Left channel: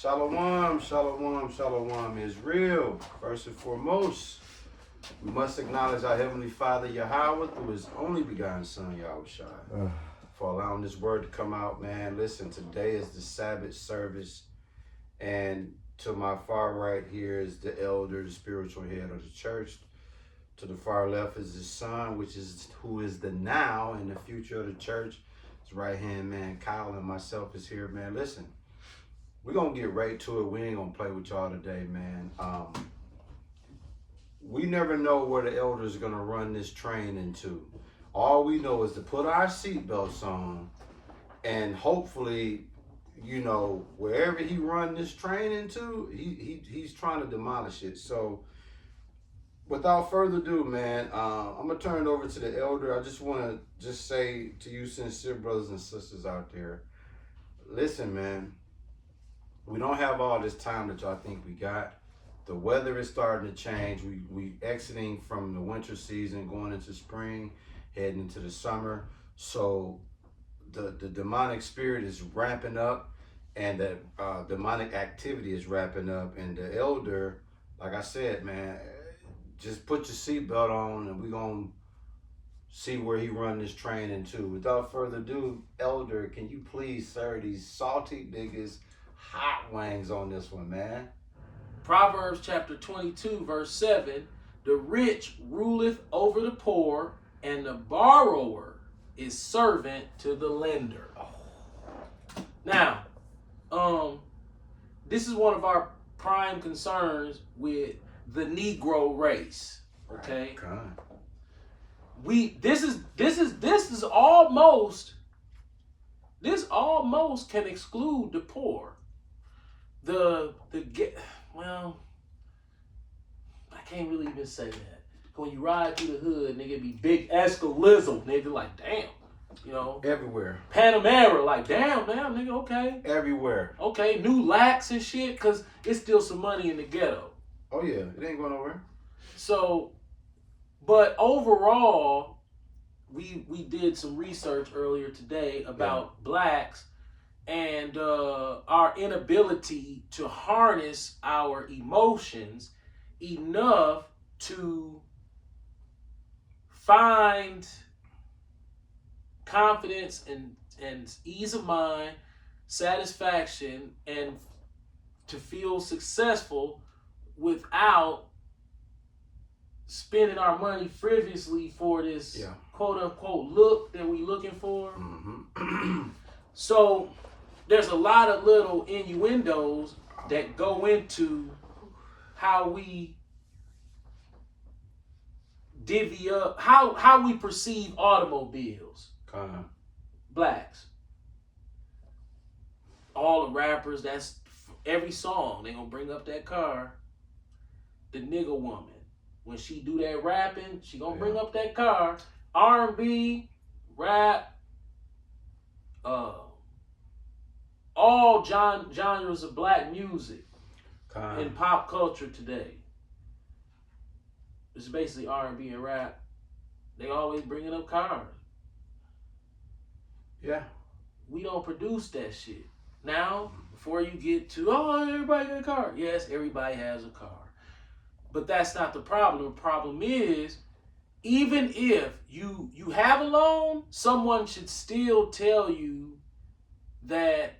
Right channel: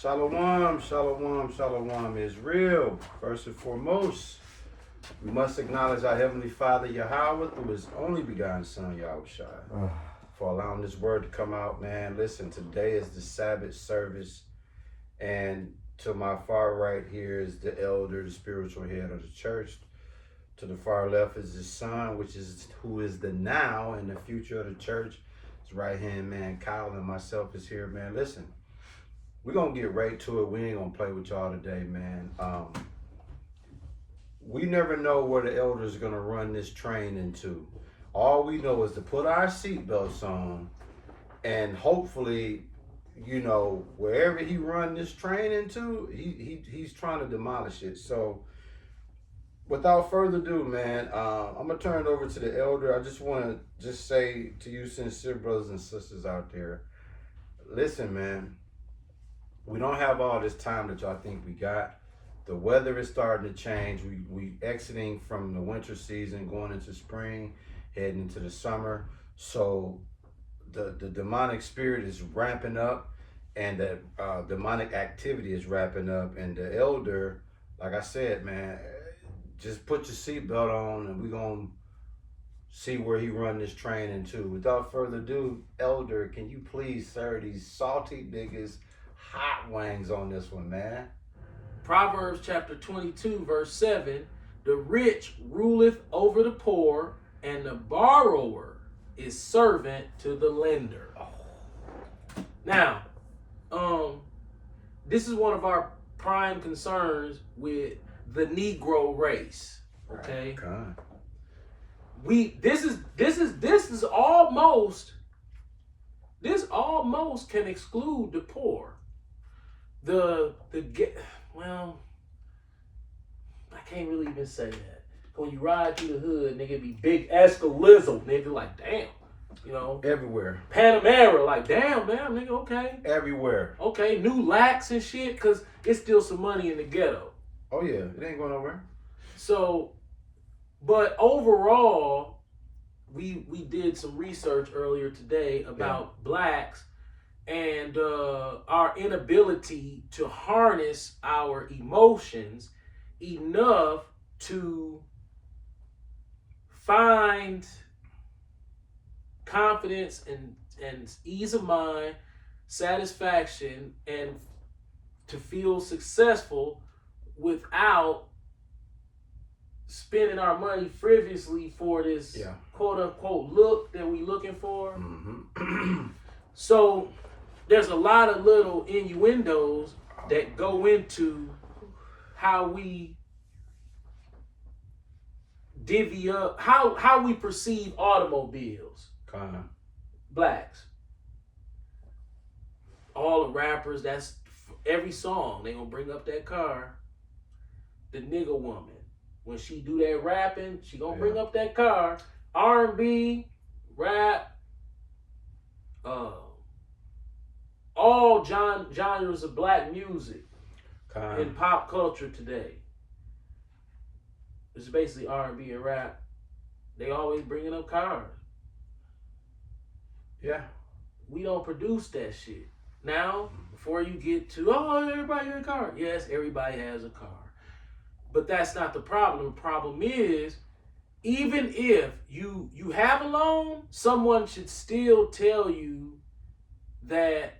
Shalom, shalom, shalom is real. First and foremost, we must acknowledge our Heavenly Father Yahweh through His only begotten Son Yahushua for allowing this word to come out, man. Listen, today is the Sabbath service, and to my far right here is the elder, the spiritual head of the church. To the far left is his son, which is who is the now and the future of the church. His right hand man, Kyle, and myself is here, man. Listen. We're going to get right to it. We ain't going to play with y'all today, man. We never know where the elders are going to run this train into. All we know is to put our seatbelts on and hopefully, wherever he run this train into, he's trying to demolish it. So without further ado, man, I'm going to turn it over to the elder. I just want to say to you sincere brothers and sisters out there, listen, man. We don't have all this time that y'all think we got. The weather is starting to change. We exiting from the winter season, going into spring, heading into the summer. So the demonic spirit is ramping up, and the demonic activity is ramping up. And the elder, like I said, man, just put your seatbelt on, and we're gonna see where he run this train into. Without further ado, elder, can you please serve these salty niggas hot wings on this one, man? Proverbs chapter 22, verse 7, the rich ruleth over the poor, and the borrower is servant to the lender. Now, this is one of our prime concerns with the Negro race. Okay. This almost can exclude the poor. Well, I can't really even say that. When you ride through the hood, nigga, it be big Escalizzle, nigga, like damn, everywhere. Panamera, like damn, nigga, okay. Everywhere. Okay, new lax and shit, cause it's still some money in the ghetto. Oh yeah, it ain't going nowhere. So, but overall, we did some research earlier today about blacks and our inability to harness our emotions enough to find confidence and ease of mind, satisfaction, and to feel successful without spending our money frivolously for this quote unquote look that we looking for. Mm-hmm. So there's a lot of little innuendos that go into how we divvy up, how we perceive automobiles. Blacks. All the rappers, that's every song, they gonna bring up that car. The nigga woman, when she do that rapping, she gonna bring up that car. R&B, rap, all genres of black music in pop culture today. It's basically R&B and rap. They always bringing up cars. Yeah. We don't produce that shit. Now, before you get to, everybody got a car. Yes, everybody has a car. But that's not the problem. The problem is, even if you have a loan, someone should still tell you that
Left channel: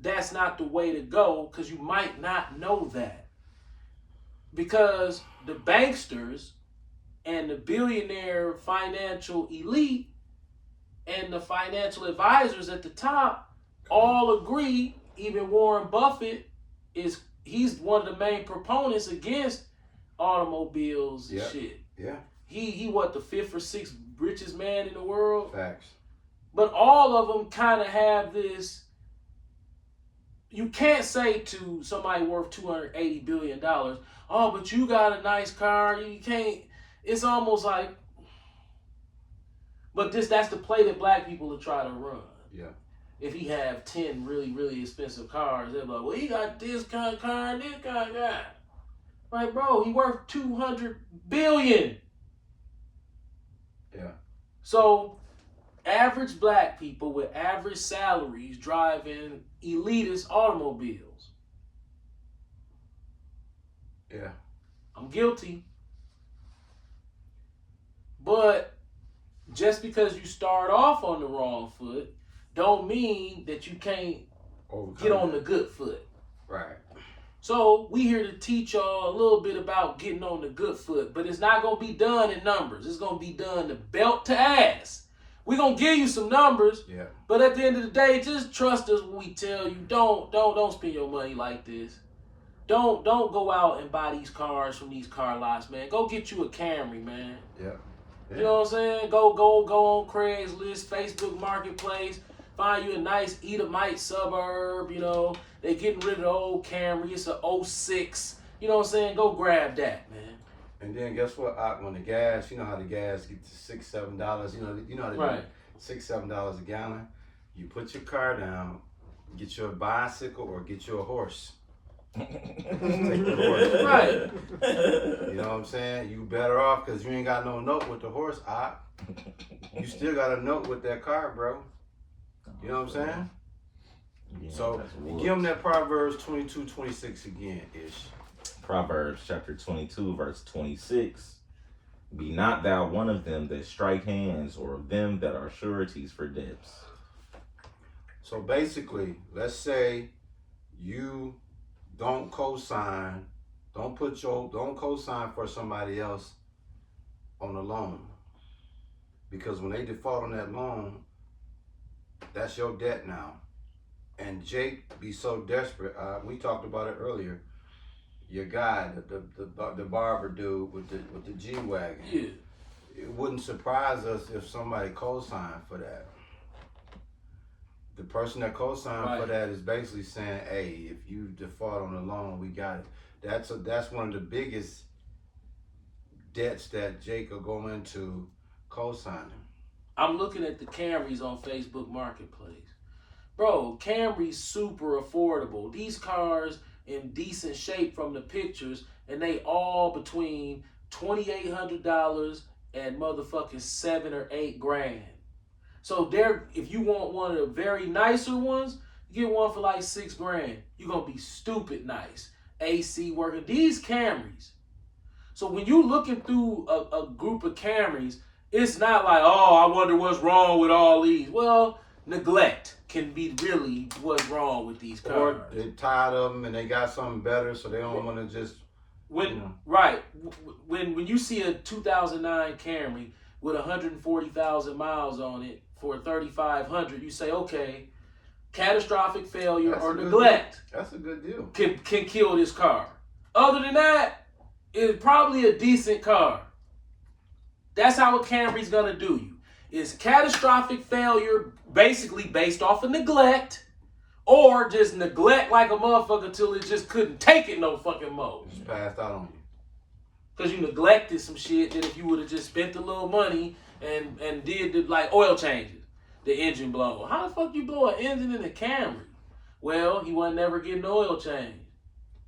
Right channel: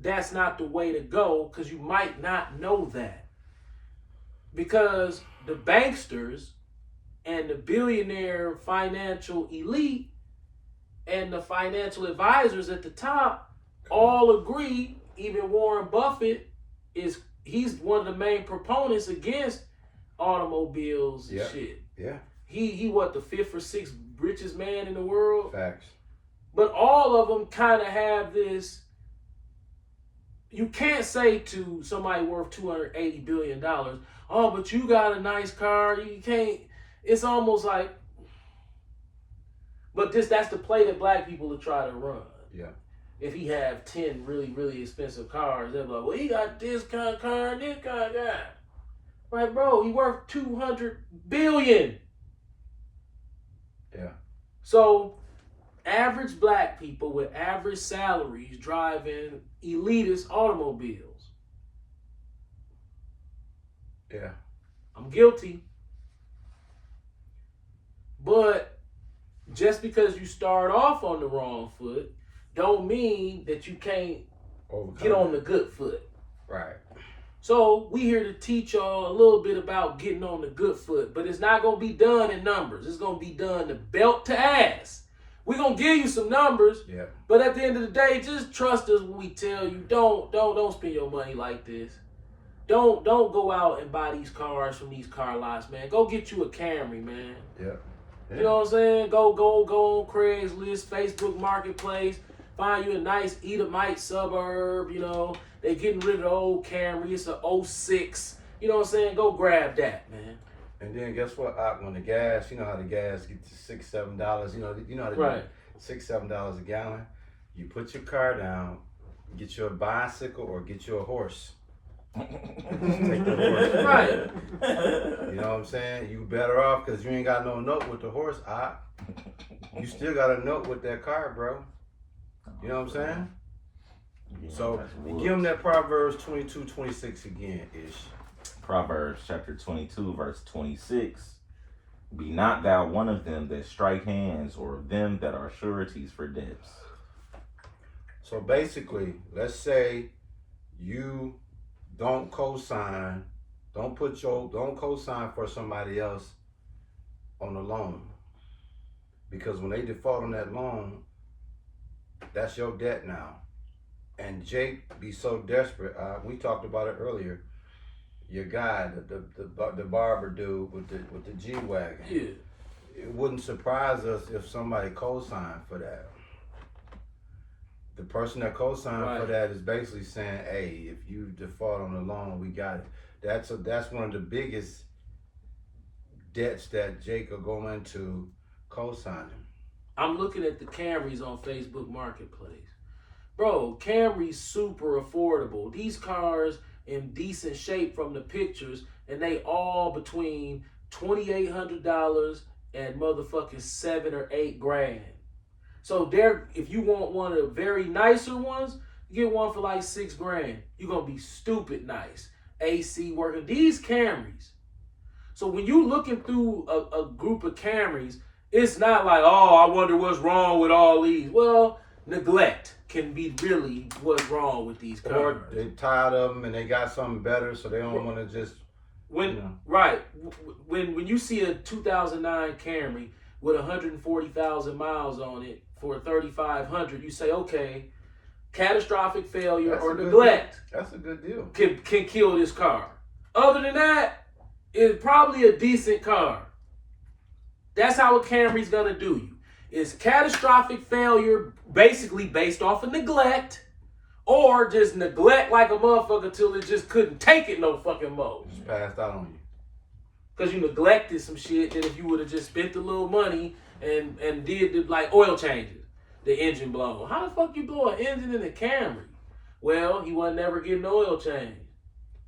that's not the way to go, because you might not know that. Because the banksters and the billionaire financial elite and the financial advisors at the top all agree, even Warren Buffett he's one of the main proponents against automobiles and shit. Yeah. He what, the 5th or 6th richest man in the world? Facts. But all of them kind of have this. You can't say to somebody worth $280 billion, oh, but you got a nice car. You can't. It's almost like, but that's the play that black people are trying to run. Yeah. If he have 10 really, really expensive cars, they're like, well, he got this kind of car and this kind of guy. Right, bro, he worth $200 billion. Yeah. So average black people with average salaries driving elitist automobiles. Yeah. I'm guilty. But just because you start off on the wrong foot, don't mean that you can't get on the good foot. Right. So we here to teach y'all a little bit about getting on the good foot, but it's not gonna be done in numbers. It's gonna be done to belt to ass. We're gonna give you some numbers, Yeah. but at the end of the day, just trust us when we tell you. Don't spend your money like this. Don't go out and buy these cars from these car lots, man. Go get you a Camry, man. Yeah. You know what I'm saying? Go on Craigslist, Facebook Marketplace, find you a nice Edomite suburb, you know. They getting rid of the old Camry. It's a 06. You know what I'm saying? Go grab that, man. And then guess what? When the gas, you know how the gas gets to $6-7. You know how to Right. do $6-7 a gallon. You put your car down, get you a bicycle or get you a horse. Take the horse. Right. You know what I'm saying? You better off because you ain't got no note with the horse. You still got a note with that car, bro. You know what I'm saying? Yeah, So that's give woods. them that Proverbs 22:26 again, Ish. Proverbs chapter 22, verse 26. Be not thou one of them that strike hands, or of them that are sureties for debts. So basically, let's say you don't co-sign, don't co-sign for somebody else on a loan. Because when they default on that loan, that's your debt now. And Jake be so desperate. We talked about it earlier. Your guy, the barber dude with the G-Wagon. Yeah. It wouldn't surprise us if somebody co-signed for that. The person that co-signed for that is basically saying, hey, if you default on the loan, we got it. That's one of the biggest debts that Jake will go into co-signing. I'm looking at the Camrys on Facebook Marketplace. Bro, Camry's super affordable. These cars in decent shape from the pictures, and they all between $2,800 and motherfucking $7 or $8 grand. So if you want one of the very nicer ones, you get one for like $6 grand. You're gonna be stupid nice. AC working. These Camrys. So when you looking through a group of Camrys, it's not like, oh, I wonder what's wrong with all these. Well, neglect can be really what's wrong with these cars. Or they tired of them and they got something better, so they don't want to just. Right. When you see a 2009 Camry with 140,000 miles on it for $3,500, you say, okay, catastrophic failure or neglect. That's a good deal. Can kill this car. Other than that, it's probably a decent car. That's how a Camry's gonna do you. It's catastrophic failure, basically based off of neglect, or just neglect like a motherfucker till it just couldn't take it no fucking more. Just passed out on you. Because you neglected some shit that if you would have just spent a little money and did like oil changes, the engine blown. How the fuck you blow an engine in a Camry? Well, he wasn't never getting the oil change.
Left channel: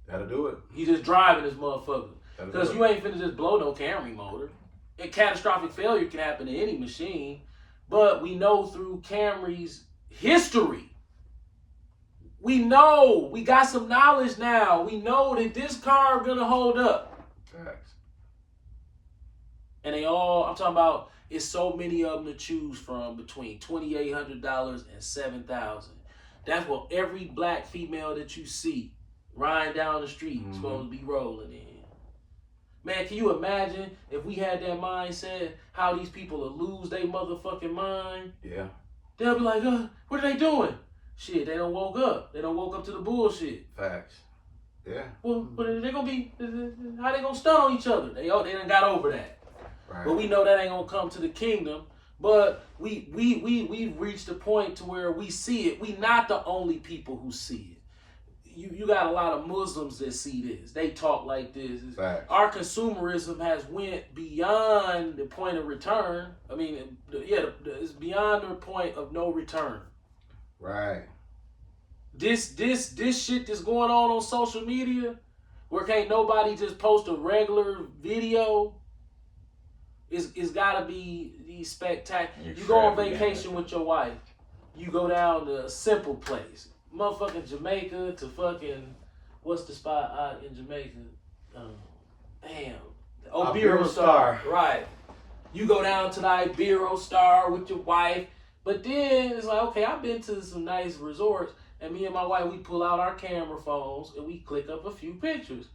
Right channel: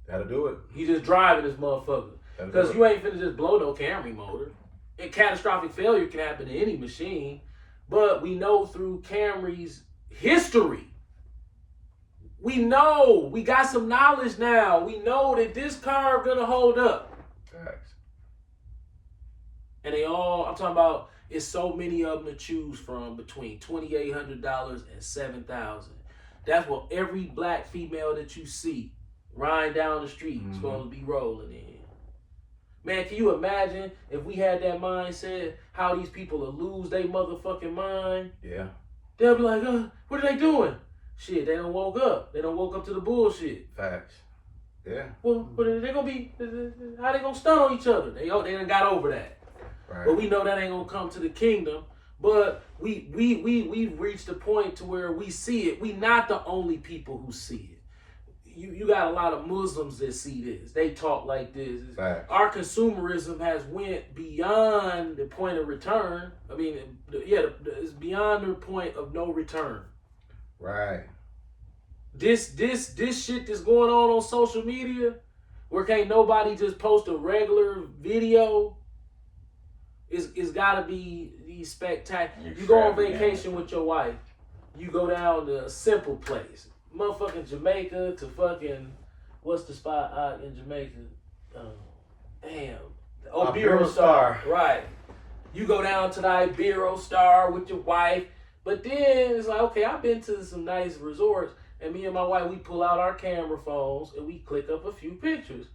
Gotta do it. He just driving this motherfucker. Because you ain't finna just blow no Camry motor. A catastrophic failure can happen to any machine. But we know through Camry's history, we know, we got some knowledge now. We know that this car gonna hold up. Facts. And they all, I'm talking about, it's so many of them to choose from between $2,800 and $7,000. That's what every black female that you see riding down the street is supposed to be rolling in. Man, can you imagine if we had that mindset, how these people will lose their motherfucking mind? Yeah. They'll be like, what are they doing? Shit, they done woke up. They done woke up to the bullshit. Facts. Yeah. Well, but they gonna be, how they gonna stun on each other? They done got over that. Right. But we know that ain't gonna come to the kingdom. But we've reached a point to where we see it. We not the only people who see it. You got a lot of Muslims that see this. They talk like this. Facts. Our consumerism has went beyond the point of return. I mean, it's beyond the point of no return. Right. This shit that's going on social media, where can't nobody just post a regular video, it's gotta be these spectacular. You go on vacation with your wife, you go down to a simple place, motherfucking Jamaica to fucking, what's the spot out in Jamaica? Ibero Star. Right. You go down to the Ibero Star with your wife, but then it's like, okay, I've been to some nice resorts, and me and my wife, we pull out our camera phones and we click up a few pictures.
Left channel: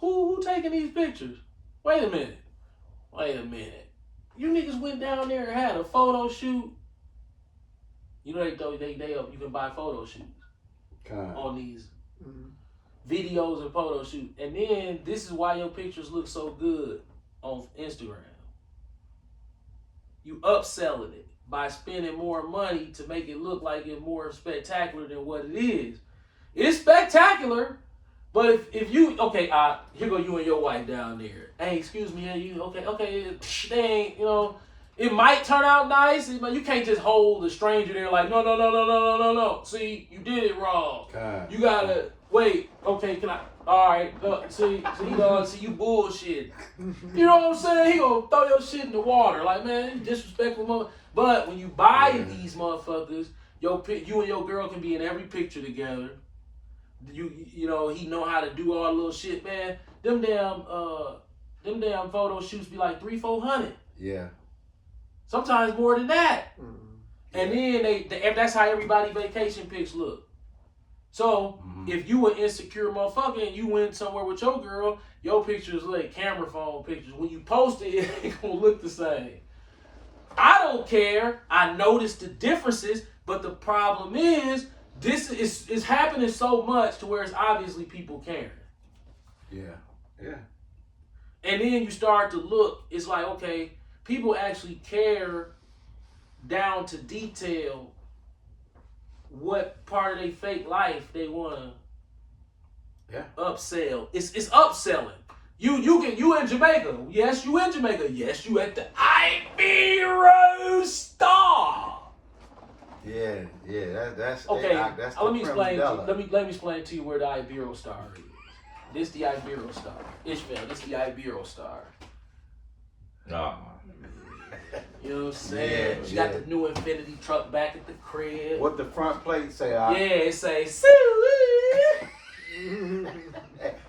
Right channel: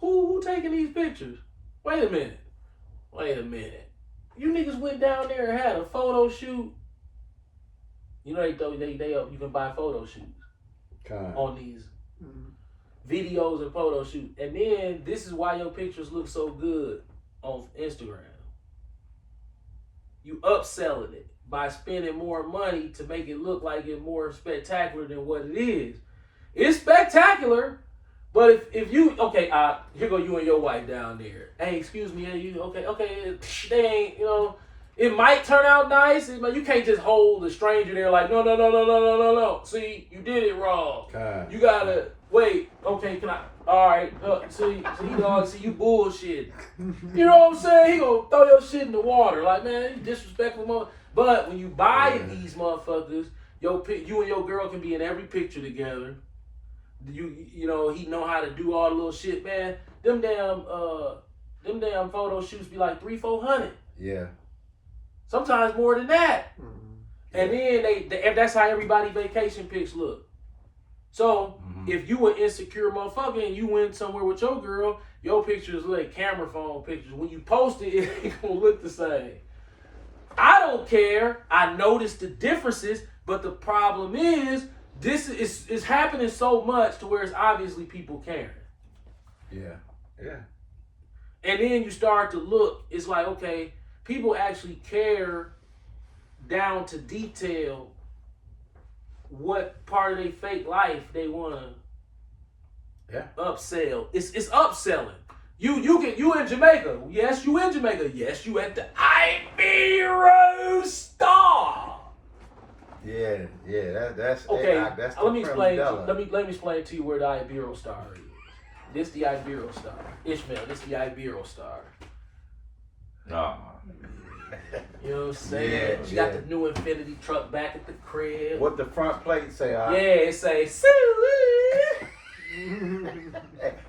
Who taking these pictures? Wait a minute. You niggas went down there and had a photo shoot. You know you can buy photo shoots on these videos and photo shoots. And then this is why your pictures look so good on Instagram. You upselling it by spending more money to make it look like it's more spectacular than what it is. It's spectacular, but if you here go you and your wife down there. Hey, excuse me, okay, they ain't, it might turn out nice, but you can't just hold a stranger there like no. See, you did it wrong. You gotta wait. Okay, can I? All right. See, you bullshit. You know what I'm saying? He gonna throw your shit in the water. Like, man, you disrespectful mother. But when you buy these motherfuckers, you and your girl can be in every picture together. You know, he know how to do all the little shit, man. Them damn photo shoots be like $300-400. Yeah. Sometimes more than that. Mm-hmm. And then that's how everybody vacation pics look. So if you an insecure motherfucker and you went somewhere with your girl, your pictures like camera phone pictures. When you post it, it ain't gonna look the same. I don't care. I noticed the differences, but the problem is this is happening so much to where it's obviously people caring. Yeah. And then you start to look, it's like, okay, people actually care down to detail what part of their fake life they want to upsell. It's upselling. You in Jamaica. Yes, you in Jamaica. Yes, you at the Ibero Star. Yeah. That's okay. That's let me explain to you where the Ibero Star is. This the Ibero Star. Ishmael, this the Ibero Star. Oh. You know what I'm saying? Yeah, she got the new Infinity truck back at the crib. What the front plate say? Yeah, it say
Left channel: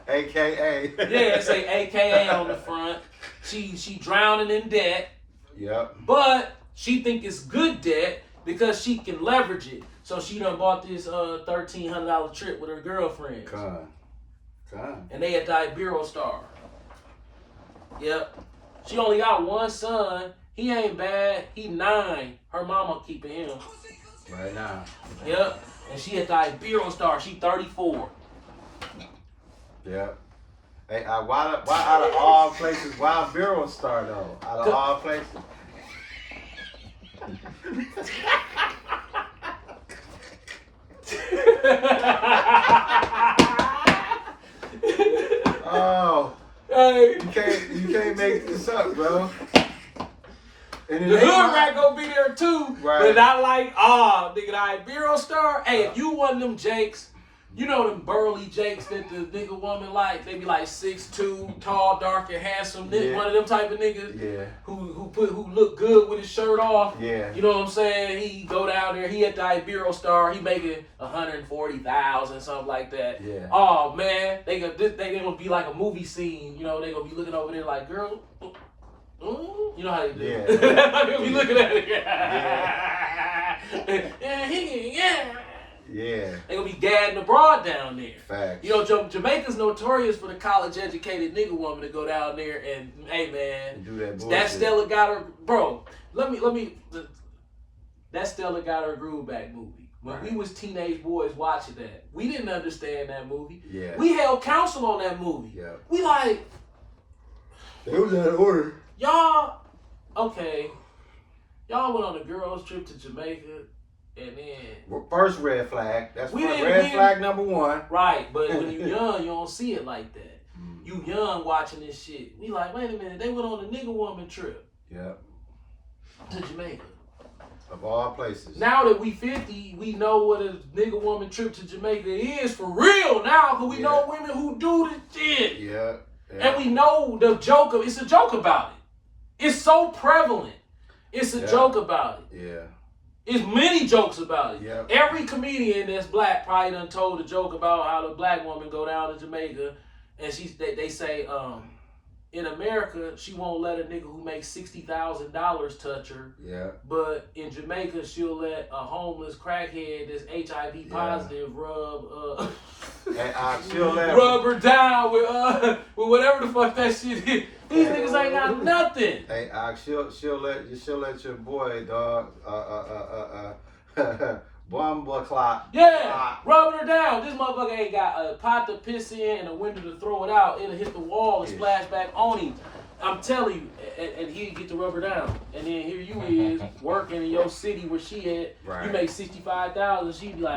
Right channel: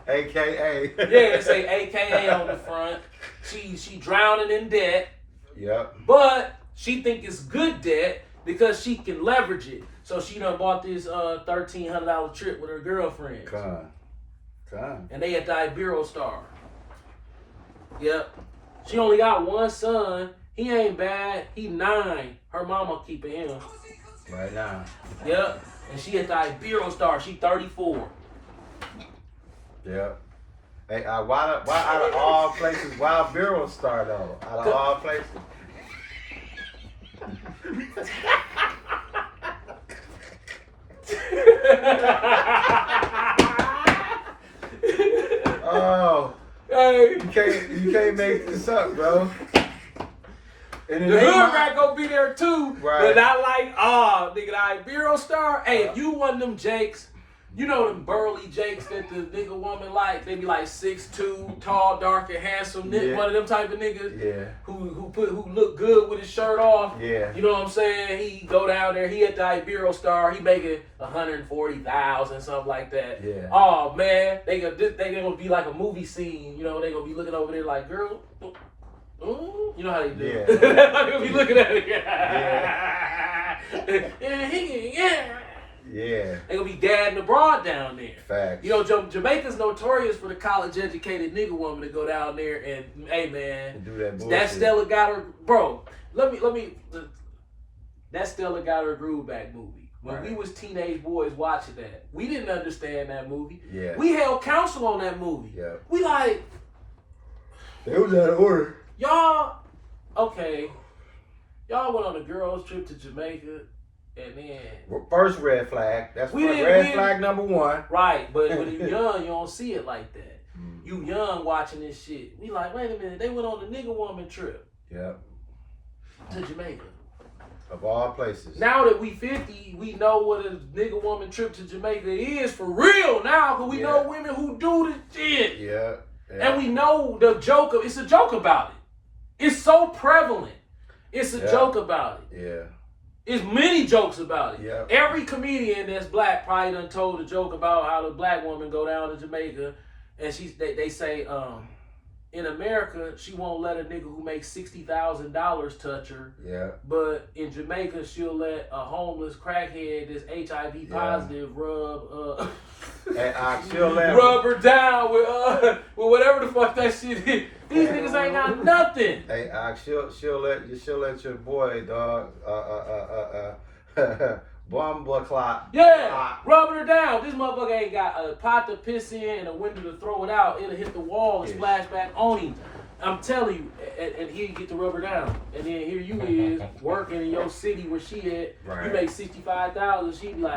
AKA. Yeah, it say AKA on the front. She drowning in debt. Yep. But she think it's good debt because she can leverage it. So she done bought this $1,300 trip with her girlfriend. Con. And they at the Ibero Star. Yep. She only got one son. He ain't bad. He 9. Her mama keeping him. Right now. Yep. And she at the Ibero Star. She 34. Yep. Hey, why out of all places, why Ibero Star though? Out of all places. Oh, hey. You can't make this up, bro. And the hood rat gonna be there too, right. But not like, nigga, the Ibero Star. Hey, if you one of them Jakes, you know them burly Jakes that the nigga woman like, they be like 6'2", tall, dark, and handsome. Yeah. One of them type of niggas. Yeah. Who look good with his shirt off. Yeah. You know what I'm saying? He go down there. He at the Ibero Star. He making $140,000, something like that. Yeah. Oh man, they gonna be like a movie scene. You know, they gonna be looking over there like, girl. You know how they do. Yeah. They're gonna be looking at it. Yeah. They gonna be gadding abroad down there. Facts. You know, Jamaica's notorious for the college-educated nigga woman to go down there and, hey man, And do that bullshit. that Stella got her, bro. Let me. That Stella got her groove back movie. When we was teenage boys watching that, we didn't understand that movie. Yeah. We held counsel on that movie. Yeah. We like, It was out of order. y'all went on a girls trip to Jamaica. And then First red flag. That's red flag number 1. Right, but when you young, you don't see it like that. You young watching this shit. We like, wait a minute, they went on a nigga woman trip. Yep. To Jamaica. Of all places. Now that we 50, we know what a nigga woman trip to Jamaica is for real now, because we know women who do this shit. Yeah. And we know the joke it's a joke about it. It's so prevalent. It's a joke about it. Yeah. There's many jokes about it. Yeah. Every comedian that's black probably done told a joke about how the black woman go down to Jamaica and they say in America she won't let a nigga who makes $60,000 touch her. Yeah. But in Jamaica, she'll let a homeless crackhead that's HIV positive rub She'll let rub her down with whatever the fuck that shit is. These niggas ain't got nothing. Hey, she'll let your boy, dog, bomba clock. Yeah, rubbing her down. This motherfucker ain't got a pot to piss in and a window to throw it out. It'll hit the wall and splash back on him. I'm telling you, and he'd get the rubber down. And then here you is working in your city where she at. Right. You make $65,000. She be like,